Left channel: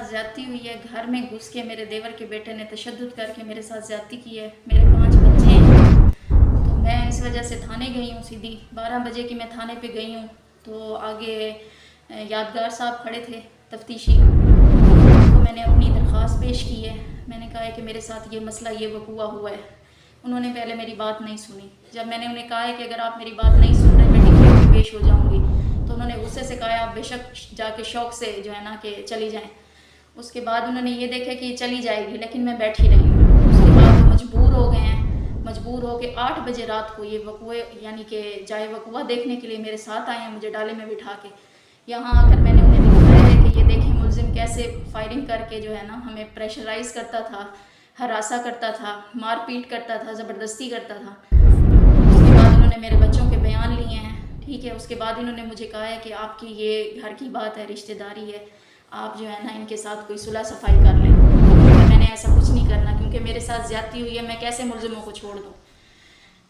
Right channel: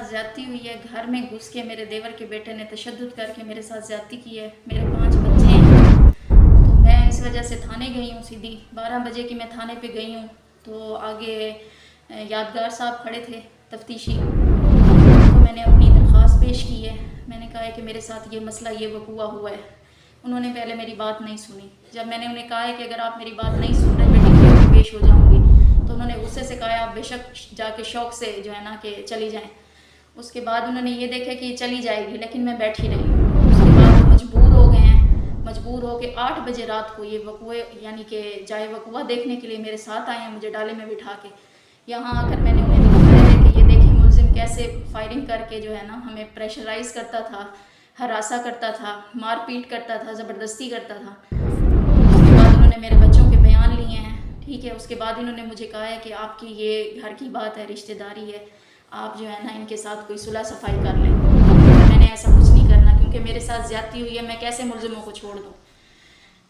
साथ ज़्यादती हुई है। घर में घुस के मेरे देवर के बेटे ने तशद्दुद करके मेरे साथ ज़्यादती की है। मेरे 5 बच्चे हैं। तो मैं इस वजह से थाने गई हूँ। सीधी 12 बजे की मैं थाने पे गई हूँ। तो आगे यादगार साहब खड़े थे तफ्तीशी, तो मैंने अपनी दरख्वास्त पेश की है। मैंने कहा है कि मेरे साथ ये मसला ये वक़ूआ हुआ है। उन्होंने पहले मेरी बात नहीं सुनी। जब मैंने उन्हें कहा है कि अगर आप मेरी बात नहीं सुन रहे मैं डिक्लेयर पे पेश हो जाऊँगी, तो उन्होंने गुस्से से कहा आप बेशक जाके शौक़ से जो है ना कि चली जाएं। उसके बाद उन्होंने ये देखा कि चली जाएगी, लेकिन मैं बैठी रही हूँ। उसके बाद वो मजबूर हो गए हैं। मजबूर हो के 8 बजे रात को ये वक़ूए यानी कि जाए वक़ूआ देखने के लिए मेरे साथ आए हैं, मुझे डाले में बिठा के। यहाँ आकर मैंने उन्हें दिखाया है कि ये देखें मुलजिम कैसे फायरिंग करके जो है ना हमें प्रेशराइज़ करता था, हरासा करता था, मार पीट करता था, ज़बरदस्ती करता था। उसके बाद उन्होंने मेरे बच्चों के बयान लिए हैं, ठीक है। उसके बाद इन्होंने मुझे कहा है कि आपकी ये घर की बात है, रिश्तेदारी है, आप जो है ना इनके साथ कोई सुलह सफाई कर लें। मैंने ऐसा कुछ नहीं करना, क्योंकि मेरे साथ ज़्यादती हुई है, मैं कैसे मुलजिमों को छोड़ दूँ।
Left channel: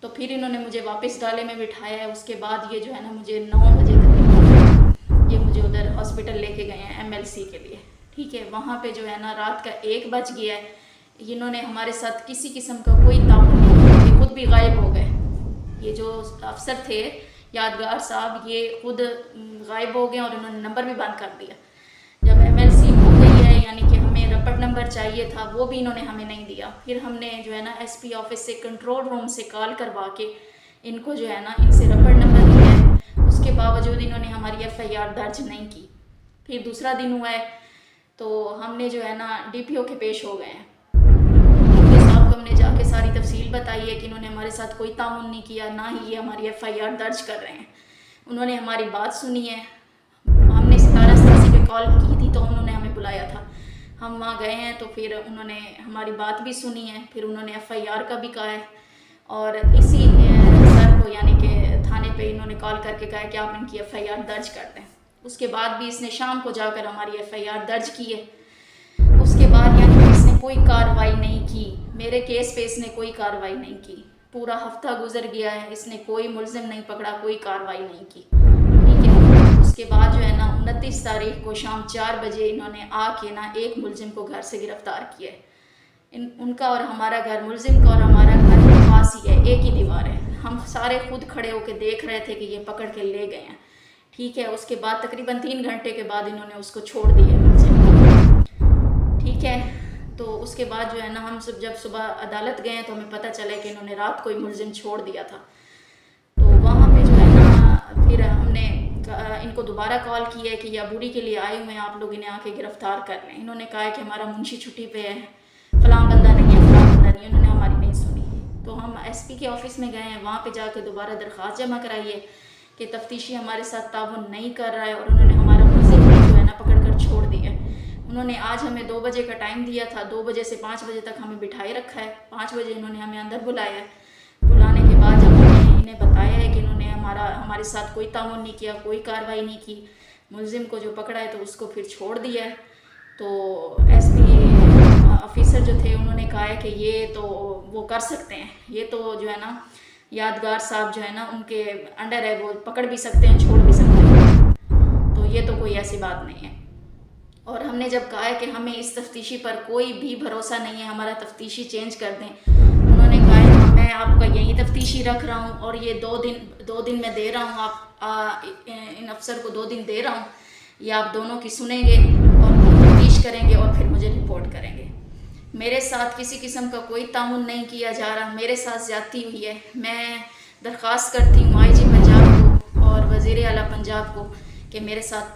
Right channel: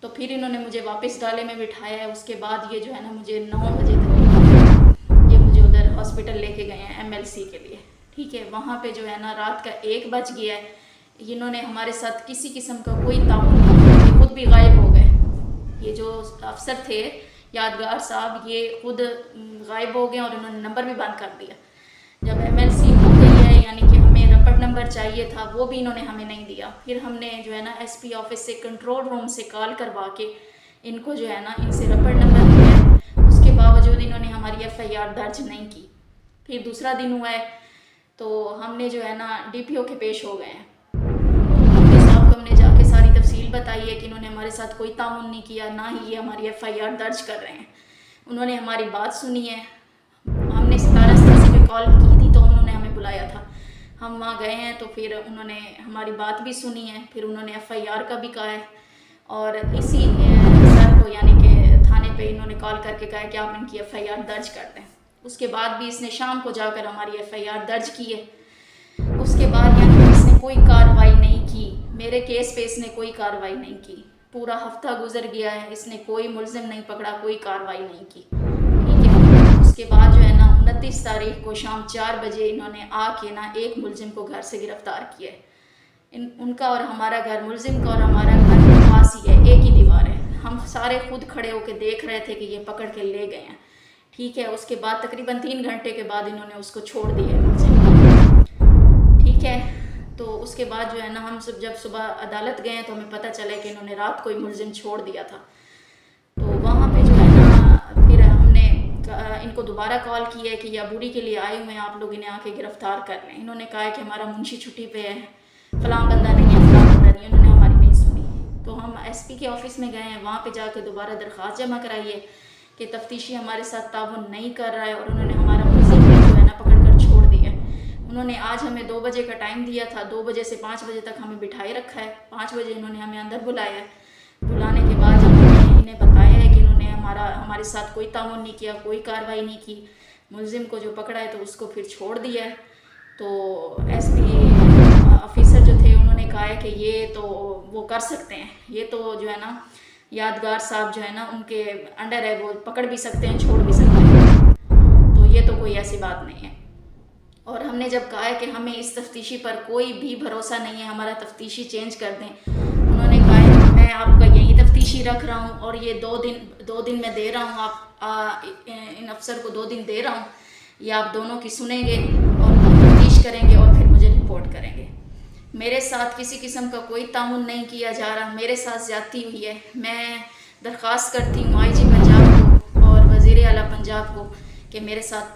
तो फिर इन्होंने मुझे वापस डाले में बिठाया है। उसके बाद ये जो है ना मुझे 9 बजे तक ये मुझे उधर हॉस्पिटल लेके गए हैं MLC के लिए, ठीक है। वहाँ पे जो है ना रात का 1 बज गया है। इन्होंने हमारे साथ किसी किस्म का कोई ताउन नहीं किया, ये खुद भी गायब हो गए। ये जो अफसर थे यादगार साहब, ये खुद गायब हो गए और इन्होंने नंबर भी बंद कर दिया। जब MLC हो गई है, यानी कि हमें रपट नंबर चाहिए था, वो भी इन्होंने हमें नहीं दिया। फिर हमने जो है ना SP ऑफिस से कंट्रोल रूम से कॉल करवा के इनको जो है ना इनसे रपट नंबर लिया। उसके बावजूद इन्होंने हमारी FIR दर्ज नहीं की। फिर दूसरा दिन हुआ है तो हमने जो है ना DPO के पेश हो गए हैं। हमने जाके सारी तफसील बताई है कि इन्होंने हमारे साथ कोई ताउन नहीं किया, ना ही ये हमारी FIR दर्ज कर रहे हैं। उन्होंने हमारी बात सुनी है। हमने 17 पे कॉल की थी तो उन्होंने हमें बुलाया था, हम वहाँ गए हैं। तो फिर उन्होंने हमारी बात भी सुनी है, फिर उन्होंने FIR का भी कहा है। और इसी सर को यानी कि थाने पे इन्होंने कॉल करके कहा है कि आप इनकी FIR दर्ज कर दें। उसके बाद भी इसने शाम को जाकर हमारी FIR दर्ज की है। उसके बाद यानी कि इसने कोई कार्रवाई नहीं की, मेरे केस पे इसने कोई कार्रवाई नहीं की। पूरा हफ्ता गुजर गया है, इसने कोई मुलजिम नहीं पकड़ा, कोई कार्रवाई नहीं की, ठीक है। उसके बाद जो है ना 29 तारीख को शाम 4 बजे इन्होंने आके ना एक मुलजिम को घर से गिरफ्तार किया है। उनका और हमारा घर, मुलजिम का और हमारा घर पास ही है, एक ही दीवार है। हम सारे खुद खड़े होकर देख रहे थे कि ये पकड़ के ले गए हैं, ठीक है। उसके बाद तकरीबन 3 घंटे के बाद इन्होंने उसको छोड़ दिया है मुलजिम, ठीक है। तो उसके बाद जो है ना हम सब जब सुबह अदालत गए तो हमें पता चला कि इन्होंने रात को ही मुलजिम छोड़ दिया था। तो वहाँ पे जो है ना फिर हमने इनको दोबारा कॉल किया है कि ये अबूरी के लिए आए हुए हैं, आप लोग इन्हें आके गिरफ्तार कर लें। इन्होंने कहा है कि हमारा मुंशी छुट्टी पे है, फ़लाँ बंदा नहीं है, फ़लाँ बंदा नहीं है। उन्होंने हमारी नहीं सुनी। तो हम SP के ऑफिस में गए हैं, वहाँ पर जाके दोबारा दरख्वास्त जमा कराई है कि तफ्तीशी हमारे साथ ताउन नहीं कर रहा है, और उन्होंने हमारा मुलजिम जो है ना पकड़ कर छोड़ दिया है। उन्होंने आज हमें 2 बजे का टाइम दिया था, 2 बजे से 5 बजे तक हमें बिठाए रखा है। 5 बजे इन्होंने हमें अंदर बुलाया है। बुलाने के बाद जब हमने इन्हें बताया है कि इन्होंने हमारे साथ कोई ताउन नहीं किया, कोई कार्रवाई नहीं की, मुलजिम को जो पकड़ा है तो उसको फिर छोड़ दिया है। तो SP ऑफिसर जो थे उन्होंने कहा है कि ये तो वो कर सकते हैं, ये तो जो है ना यादगार साहब जो है ना उनके अंडर है, वो पकड़ भी सकते हैं, छोड़ भी सकते हैं। तो ये तो कोई ऐसी बात नहीं है। और हमने जब कहा है कि हमें इस तफ्तीशी पर कोई भी भरोसा नहीं है, हमारा तफ्तीशी चेंज कर दें, उन्होंने कहा है मैं आपका यही तफ्तीशी रख रहा हूँ और ये 2 दिन मैं दे रहा हूँ, आप इन अफसर को 2 दिन दे रहा हूँ, ये आप दोनों की सुनेंगे और तफ्तीश करेंगे और फिर मुझे रिपोर्ट करेंगे। मेरे साथ किसी किस्म का कोई ताउन नहीं किया जा रहा, मेरे साथ ज़्यादती हुई है। मैं दरख्वास्त करती हूँ IG पंजाब को और वज़ीर आला पंजाब को कि मेरे साथ